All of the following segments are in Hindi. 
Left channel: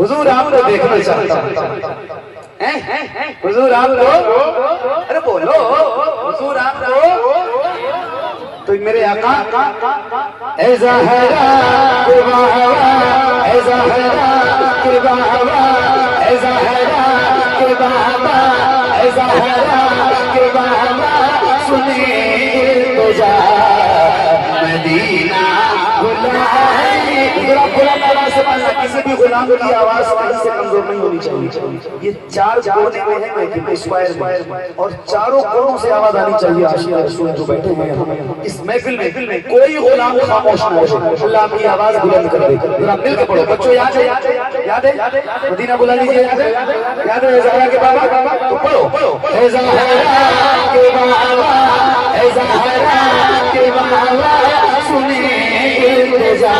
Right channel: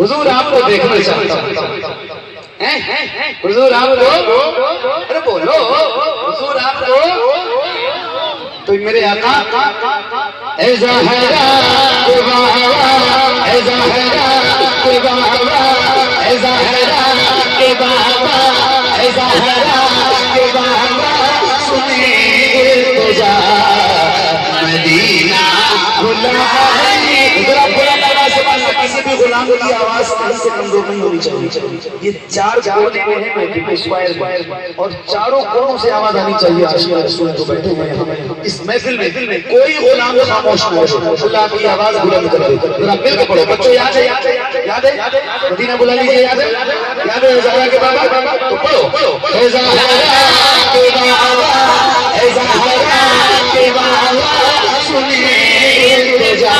हुजूर आपको देखना चाहता हूं। हुजूर आपको, अरे बोलो हुजूर आपको, तो मेरे आका ऐ ज़हरा के बाबा, ऐ ज़हरा के बाबा, ऐ ज़हरा के बाबा, ऐ ज़हरा के बाबा, सुने इल्तिजा मदीना बुलाए। किसी भी गुलाम की आवाज कहीं से कमजोर नहीं होनी चाहिए। ये चार कोने में है स्क्वायर में, और चारों कोनों से आवाज आनी चाहिए। आशिया रसूल जो बैठे हैं इस महफिल में, कोई गुलाम खामोश न हो। अल्लाह की आवाज बुलंद कर दे। जरा मिल के पढ़ो बच्चों, याद है? याद है? मदीना बुला लीजिए। याद है? याद है ज़हरा के बाबा? तो पढ़ो ऐ ज़हरा के बाबा, ऐ ज़हरा के बाबा, सुने इल्तिजा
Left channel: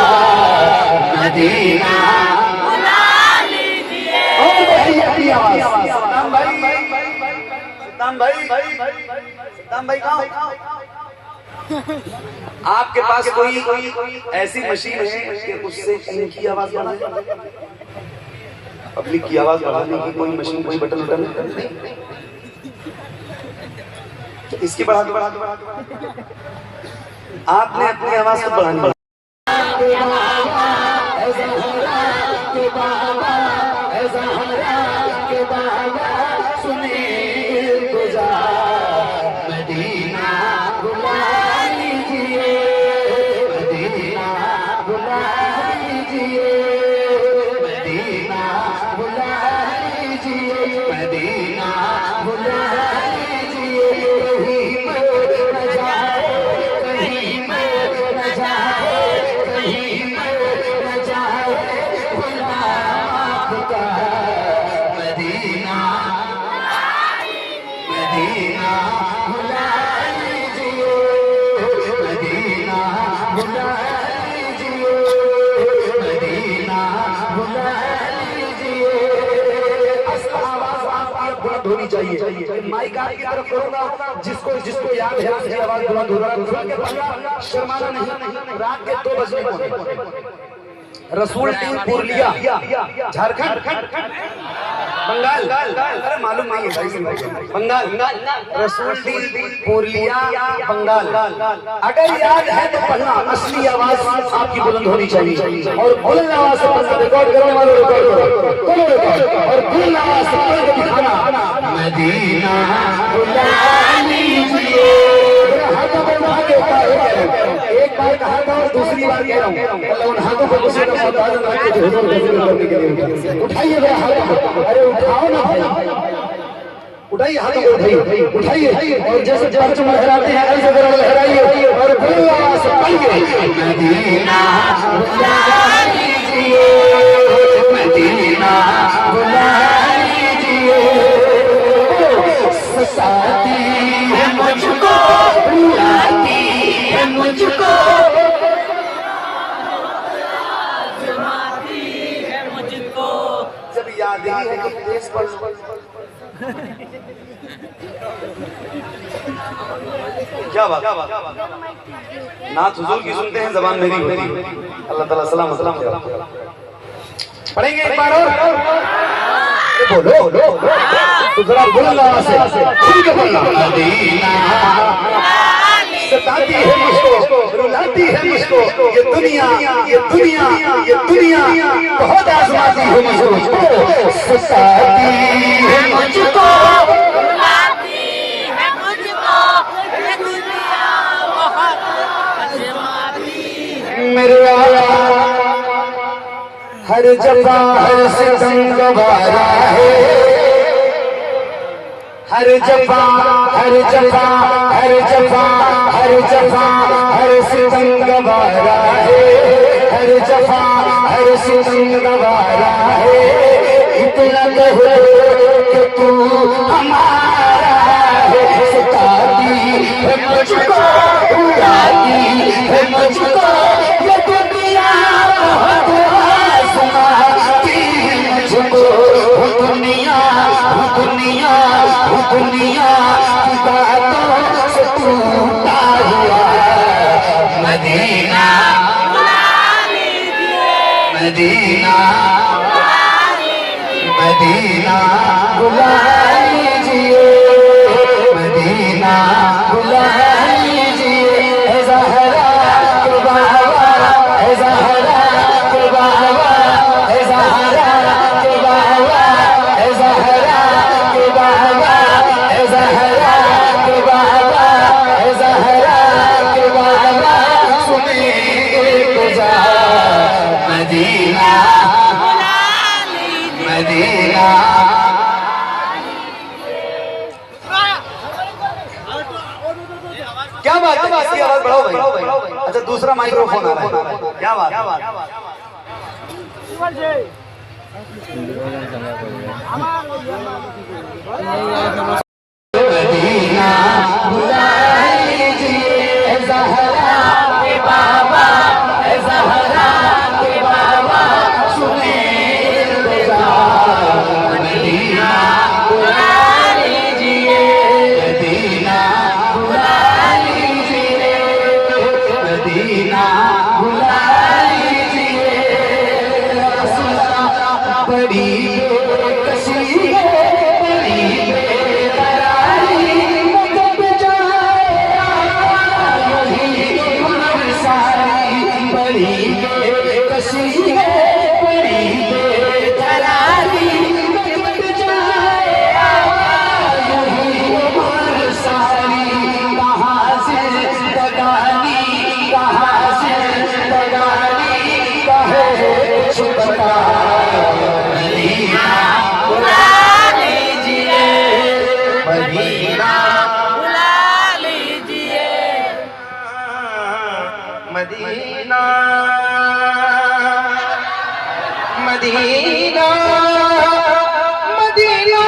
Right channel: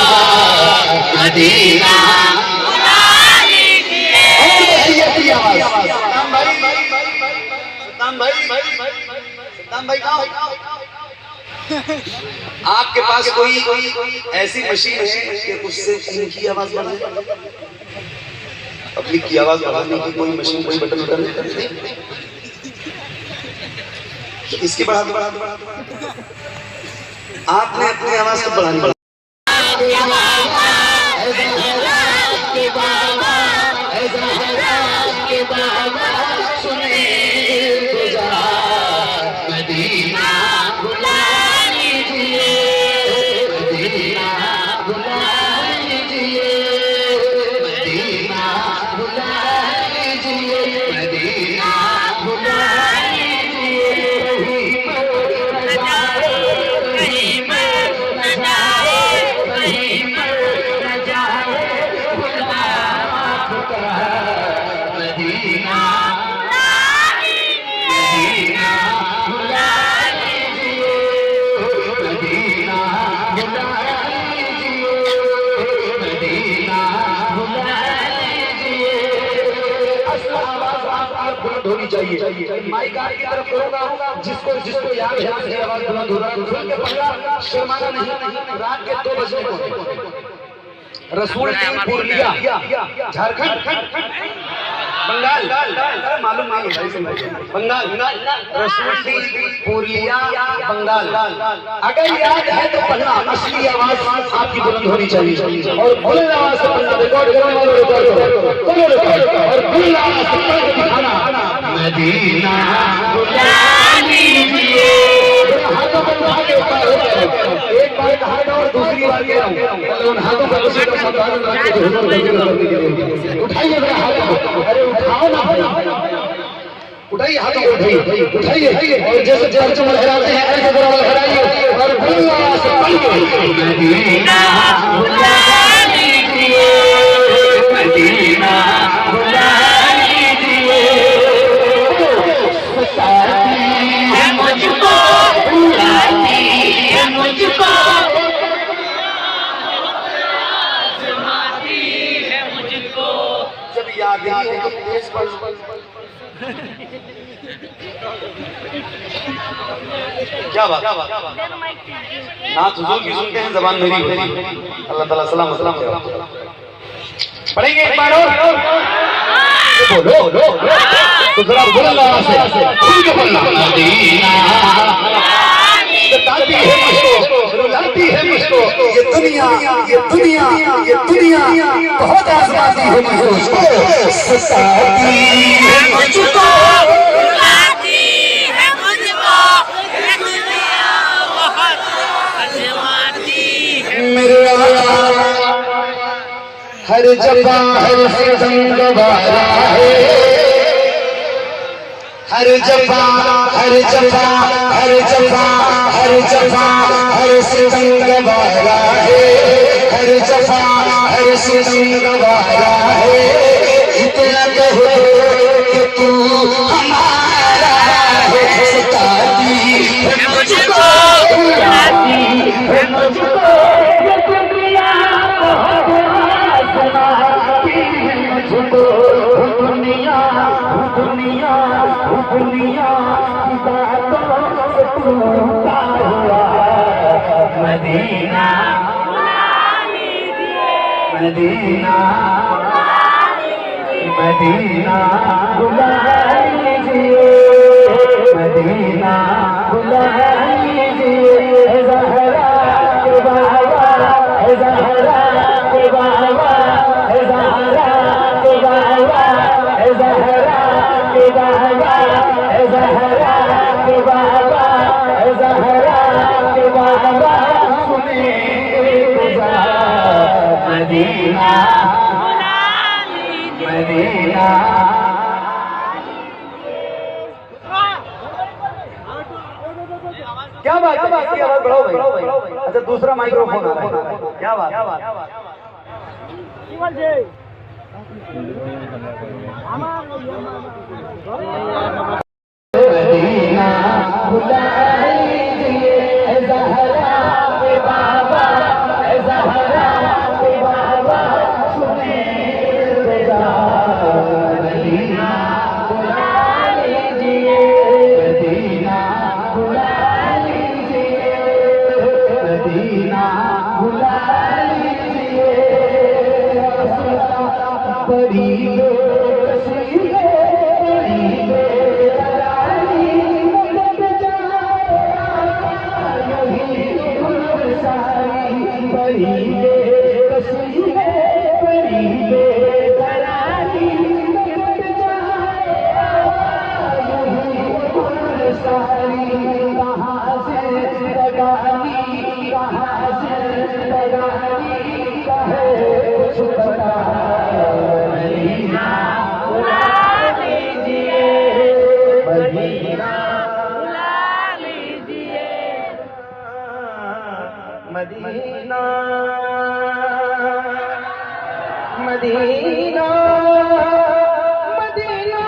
मदीना बुला लीजिए। सद्दाम भाई कहाँ? आपके पास कोई ऐसी मशीन है कि उससे इनकी आवाज बढ़ाए? पब्लिक की आवाज बढ़ाने की कोई मशीन, कोई बटन नहीं? इसकी बढ़ा दो। आपने अपनी आवाज को बढ़ानी पड़ी। होनी चाहिए। माइक आगे की तरफ करूंगा, जिसको याद है उसकी आवाज बुलंद होगा। सुन के पहला शर्माना नहीं। रात के 2 बजने को रसूल टीम पूर्णिया, झारखंड, बंगाल, अरे मालूम नहीं है बंगाल, रसूल टीम पूर्णिया बंगाल। अगर याद है तो पढ़ना, असली आवाज आपकी बुलंद होनी चाहिए। और बुलंद आवाज से पढ़ना, रिकॉर्ड करने वाले रिकॉर्ड करो, और बुलंद आवाज से पढ़ के दिखाना मदीना बुला लीजिए। हाथों पर आगे ऊपर हो जाए, एक बार कहा था और दूसरी बार कह रहा हूं, उन हाथों पर कुछ का सावधान रख के हुजूर करने के लिए उठाइए मेरा हाथ। अरे उठाओ ना भाई, उठाइए हाथों को, उठाइए। और जैसे चर्च में लहराते हैं ऐसे जरा लहराइए और बुरी आवाज से पढ़िए मदीना बुला लीजिए, मदीना बुला लीजिए। सताती है मुझको, बुलाती है मुझको, आज़माती है मुझको। जब याद ही हो तो तेज पर क्या बात। नात हुजूर की सुनते हैं, जबान मेरी होती है। अल्लाह ताला सलाम सलाम पढ़ेंगे एक बार और बोलो तो जरा बुलंद आवाज से खुल के बोलना। सताती है मुझको, रुलाती है मुझको, ये दुनिया बहुत आज़माती है मुझको। सताती है मुझको, रुलाती है मुझको, ये दुनिया बहुत आज़माती है। मेरे हर जगह हर सितम गवारा है, हर जगह हर जगह हर जगह हर जगह हर सितम गवारा है, हर जगह हर सितम गवारा है। इतना कहे कि तू हमारा है। सताती है मुझको, रुलाती है मुझको, ये दुनिया बहुत आज़माती है मुझको। वो दुनिया की बातों से टूटा हुआ मदीना, मदीना मदीना बुला लीजिए, मदीना बुला लीजिए, ज़हरा के बाबा, ज़हरा के बाबा, ज़हरा के बाबा, ज़हरा के बाबा, ज़हरा के बाबा, ज़हरा के बाबा, सुने गुजा मदीना मदीना। क्या बात है, इसकी आवाज बढ़ाओ भाई। अच्छा दूसरा माइक्रोफोन आ रहा है, क्या बात मदीना बुला लीजिए, ज़हरा के बाबा, ज़हरा के बाबा, सुने गुजा मदीना बुला लीजिए, मदीना बुला लीजिए, मदीना बुला लीजिए। बड़ी बेकसी है, बड़ी बेकरारी, कब जाए यही उम्र सारी। बड़ी बेकसी है, बड़ी बेकरारी, कब जाए यही उम्र सारी। कहाँ से बगानी, कहाँ से बगानी, कहे कुछ बता मदीना बुला लीजिए, मदीना बुला लीजिए, Medina Medina Medina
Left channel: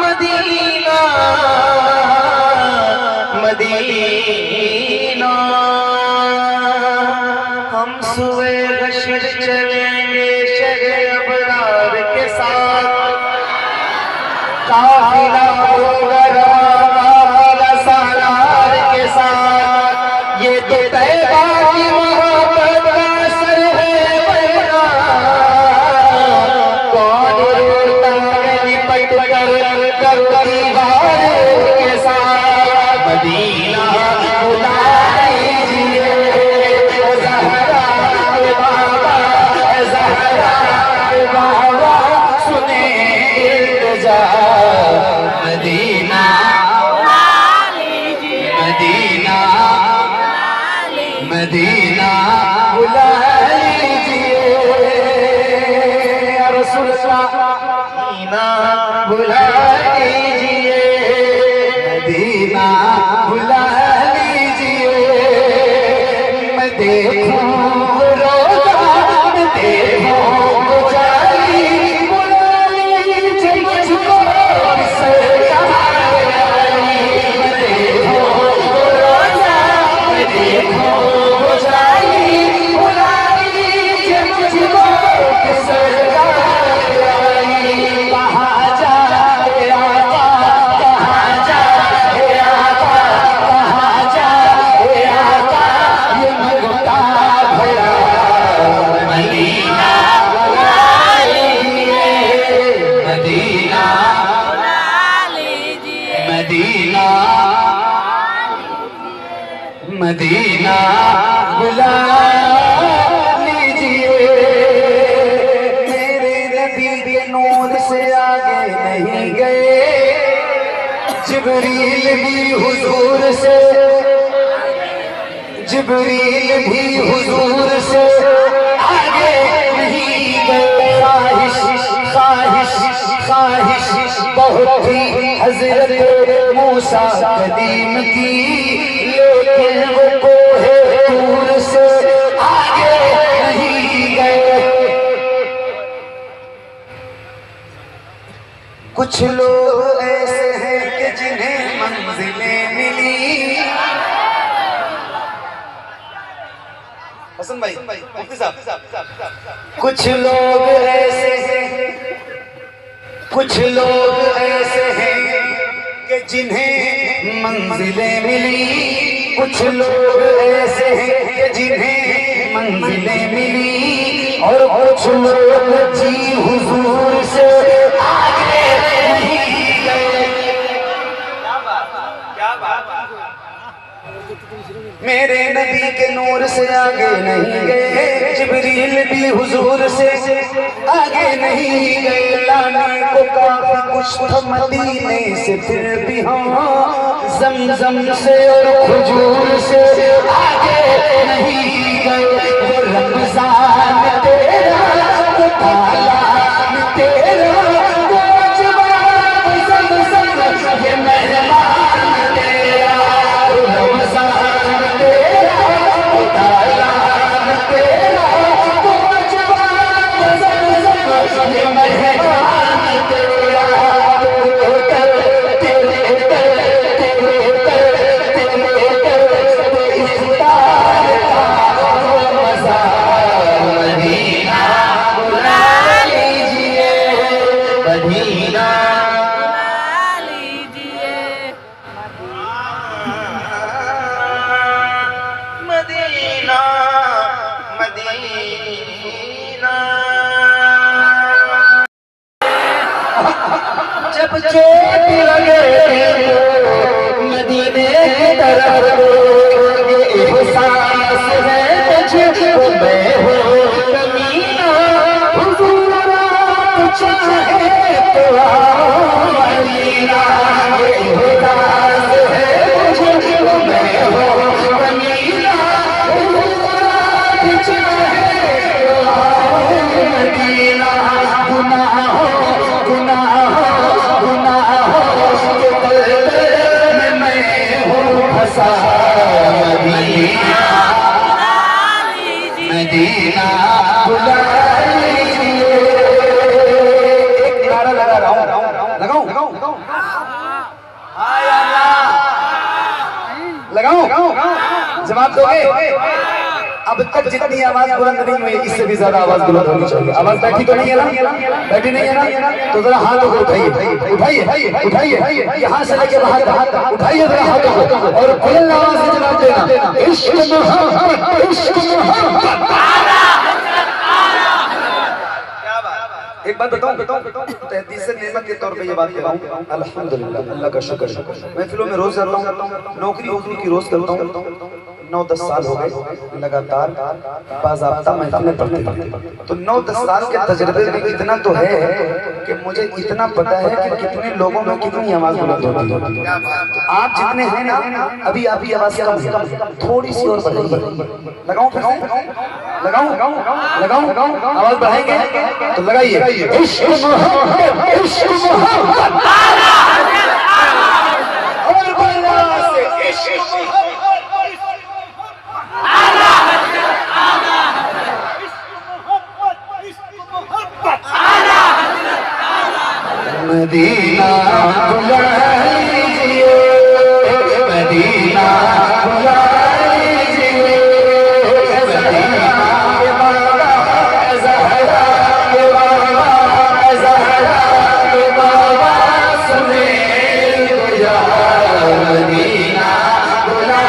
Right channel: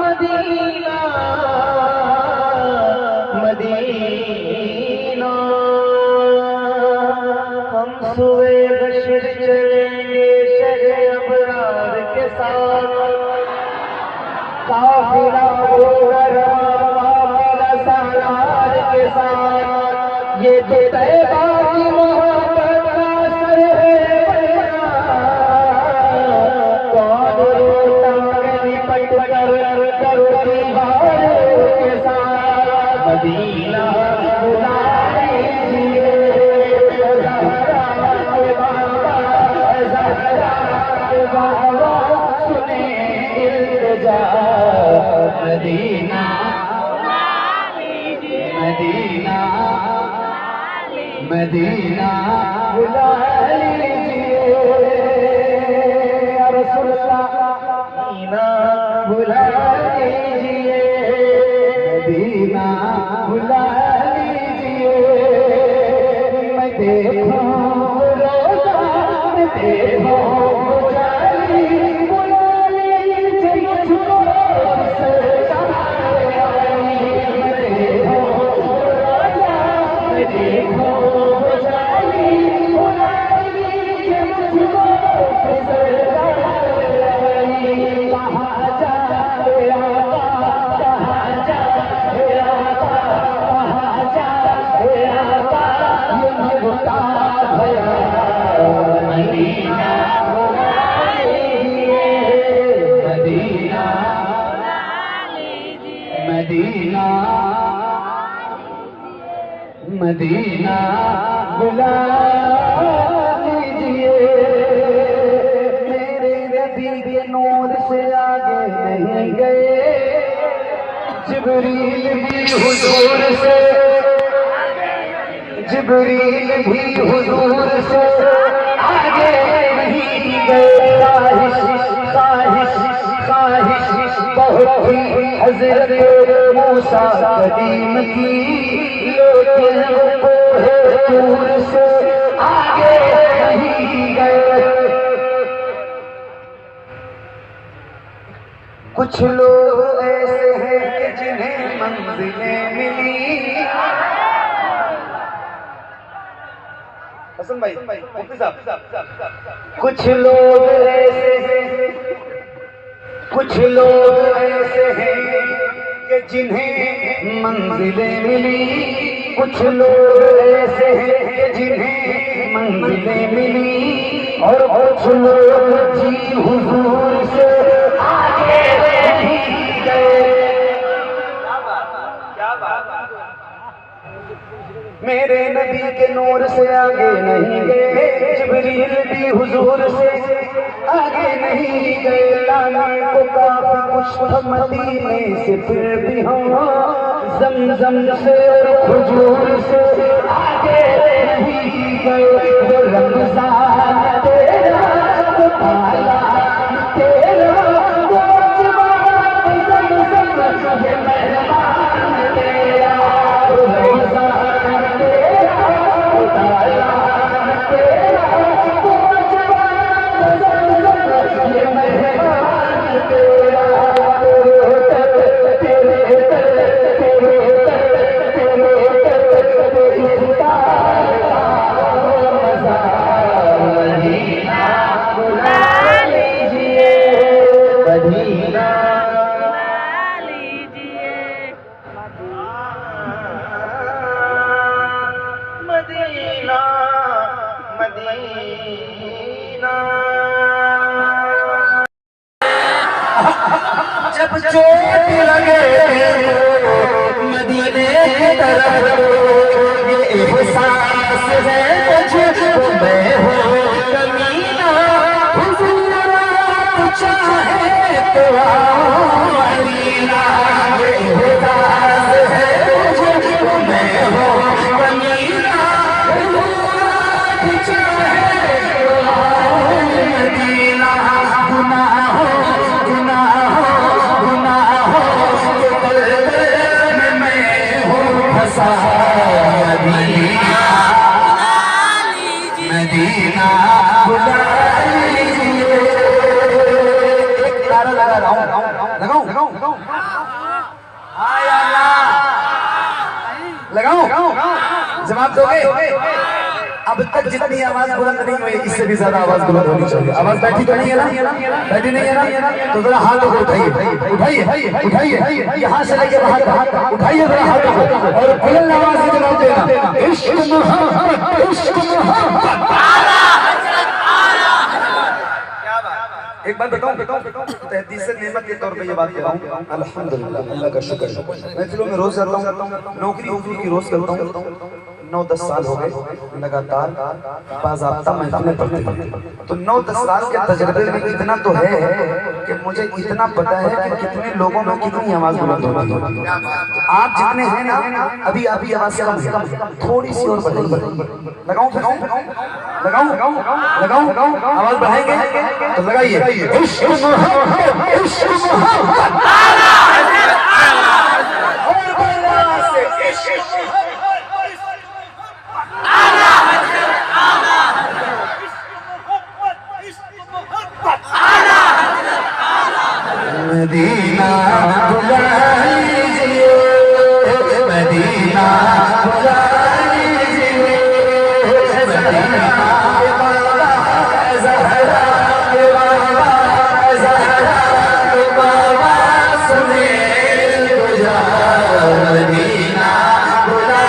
Medina Medina. हम सुबह गश्त चलेंगे शहर अबरार के साथ, काफिला होगा रवाना सालार के साथ। ये तो तैबा की मोहब्बत का असर है वरना कौन रोता है लिपट कर दीवारों के साथ। मदीना बुला लीजिए, ज़हरा के बाबा, ज़हरा के बाबा, सुने गुजा मदीना मदीना मदीना बुला लीजिए, या रसूल अल्लाह मदीना बुला लीजिए, मदीना बुला लीजिए। मैं देखूं रोज़ा, मैं देखूं गुजारी, बुला लीजिए मुझको किसे आई। मैं देखूं रोज़ा, मैं देखूं गुजारी, बुला लीजिए मुझको किसे आई। कहाँ जाए आका, कहाँ जाए आका, कहाँ जाए आका, ये मगता भरा मदीना बुला लीजिए, मदीना मदीना मदीना बुला लीजिए। मेरे नबी के नूर से आगे नहीं गए, जिब्रील भी हुजूर से, जिब्रील भी हुजूर से आगे नहीं गए। ख्वाहिश ख्वाहिश ख्वाहिश बहुत थी हज़रत मूसा कदीम की, लेकिन वो कोहे तूर से आगे नहीं गए। कुछ लोग ऐसे हैं कि जिन्हें मंजिलें मिली। हसन भाई, मुफ्ती साहब, कुछ लोग ऐसे हैं, कुछ लोग ऐसे हैं कि जिन्हें मंजिलें मिली। कुछ लोग ऐसे हैं कि जिन्हें मंजिलें मिली और कुछ लोग जी हुजूर से आगे नहीं गए। मेरे नबी के नूर से आगे नहीं गए, जिब्रील भी हुजूर से आगे नहीं गए। लाने को काफी कुछ था मदीने से, फिर भी हम ज़मज़म से और खजूर से आगे नहीं गए। वो रमज़ान तेरा, वो पालान तेरा, वो जवान ज़मज़म ये मेहमान तेरा। वो रमज़ान तेरा, वो पालान तेरा, वो जवान ज़मज़म ये मेहमान तेरा। मदीना मदीना जब चोट लगे मदीने की तरफ, ये एहसास है मुझको मैं हूँ कमीना। हुजूर आप चाहे तो आओ मदीना, ये एहसास है मुझको मैं हूँ कमीना। हुजूर आप चाहे तो आओ मदीना। गुनाहों मदीना बुला लीजिए। एक नारा लगा लगाऊं जवाब दोगे? अब तक जितनी आवाज बुलंद नहीं हुई, इससे भी ज्यादा आवाज बुलंद होनी चाहिए। आवाज बैठी तो नहीं है ना? बैठी नहीं है ना? तो जरा हाथों को उठाइए, यहाँ से लेके बाहर तक उठाइए जरा हाथों को और बुलंद आवाज से जवाब देना। इश्क मोहब्बत, इश्क मोहब्बत। एक बात बताऊं, तहदीस नेमत के तौर पे ये बात कह रहा हूँ। अल्हम्दुलिल्लाह, अल्लाह का शुक्र। महफिलों में रोज जाता हूँ, नौकरी हुजूर की रोज करता हूँ। 9-10 साल हो गए लगातार बाज़ाब्ता महफिलें पढ़ते। तो 9-10 साल के तजर्बे में इतना तो है कि मुझे इतना पता है कि कितने लोगों में कितनी आवाज बुलंद होती है। आप जितने हैं ना, अभी आवाज कम है, थोड़ी सी और बढ़ाइए। लगाऊं आवाज बढ़ाएंगे तो लगाइए। इश्क मोहब्बत, इश्क मोहब्बत। और बल्ला से इश्क मोहब्बत। मदीना बुला लीजिए, मदीना बुला लीजिए। मदीना के बाबा ज़हरा के बाबा, ज़हरा के बाबा सुने तो या मदीना बुला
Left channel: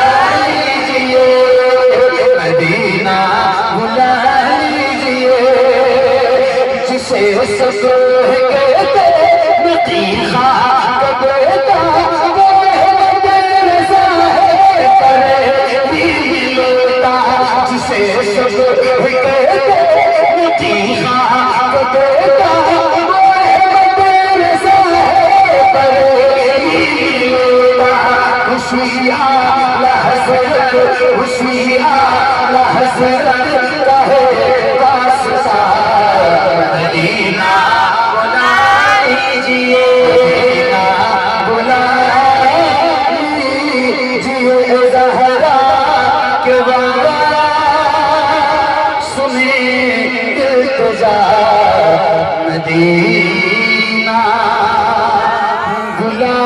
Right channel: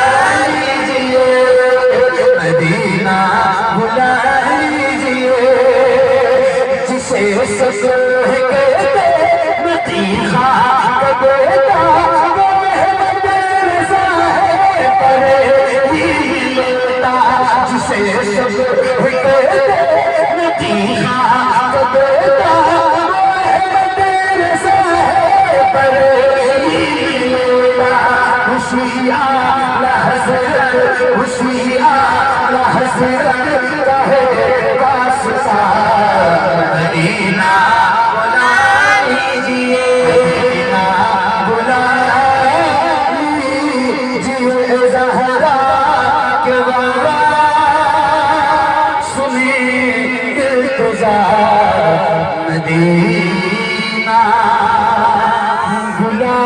लीजिए, मदीना बुला लीजिए। जिसे ससुर मदीना बुला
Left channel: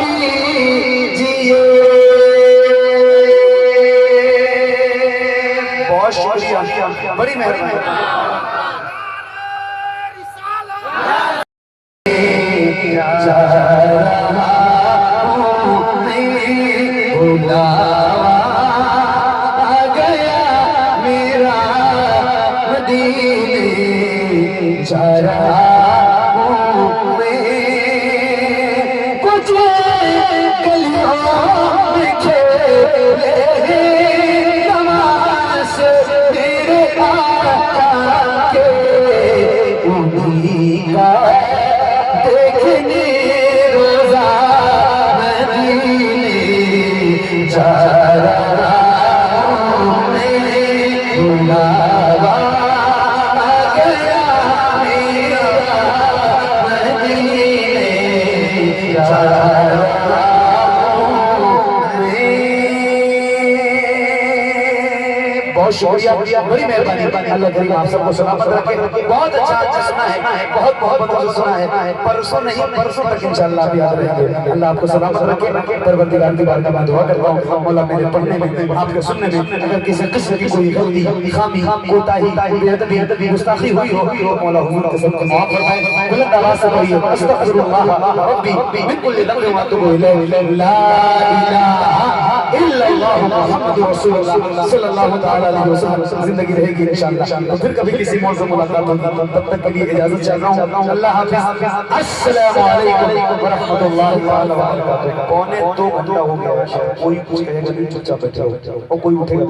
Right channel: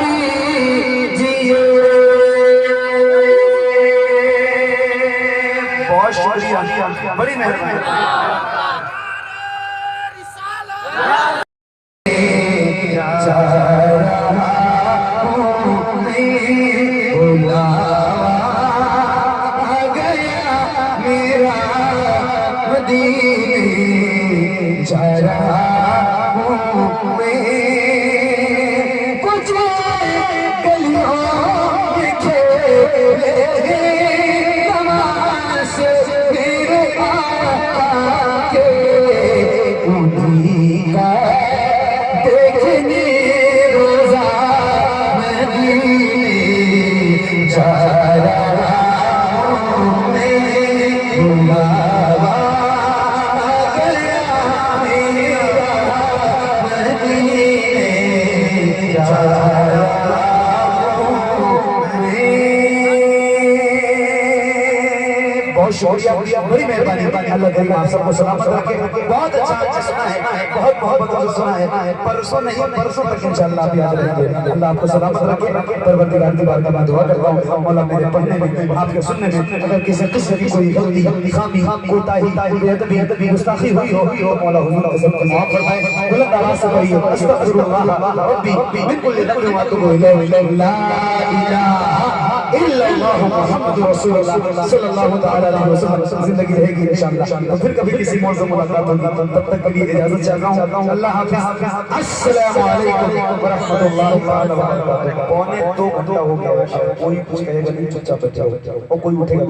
लीजिए। बहुत शुक्रिया, बड़ी मेहरबानी। जरा में कुछ गलियों में खेले नमाज मेरे आका के उन्हीं का देखने रोजा मदीने जा रहा हूं मैं बुलावा गया मेरा मदीने जा रहा हूं मैं। बहुत शुक्रिया, बड़ी मेहरबानी, अल्लाह करीम आप सबको सलामत रखे। बहुत अच्छा सुना है, बहुत सुना है। परसों नहीं, परसों तक इंशाअल्लाह आप याद रहेंगे। अल्लाह आपको सलामत रखे। परवरदिगार की बारगाह में दुआ करता हूं, मौला मेरे पढ़ने में, आपके सुनने में अगर किसी किस्म की कोई गलती, खामी, कोताही, बेअदबी, गुस्ताखी हुई हो तो मौला हुजूर के सबको माफ फरमाए। बुलंद आवाज से पढ़िए, अस्तगफिरुल्लाह रब्बी मिन कुल्ली ज़ंबिन व अतूबु इलैहि, ला इलाहा इल्लल्लाह मुहम्मदुर रसूलुल्लाह सल्लल्लाहु तआला अलैहि वसल्लम। जिंदगी रहेगी इंशाअल्लाह, तो फिर कभी किसी मौजू मुलाकात होगी। तब तक के लिए इजाजत चाहता हूं। अल्लाह हाफिज। अस्सलामु अलैकुम व रहमतुल्लाहि व बरकातहू। 1:45 घंटा हो गया, कोई कुछ कहेगा नहीं, चुपचाप बैठे रहो और कोई उठेगा।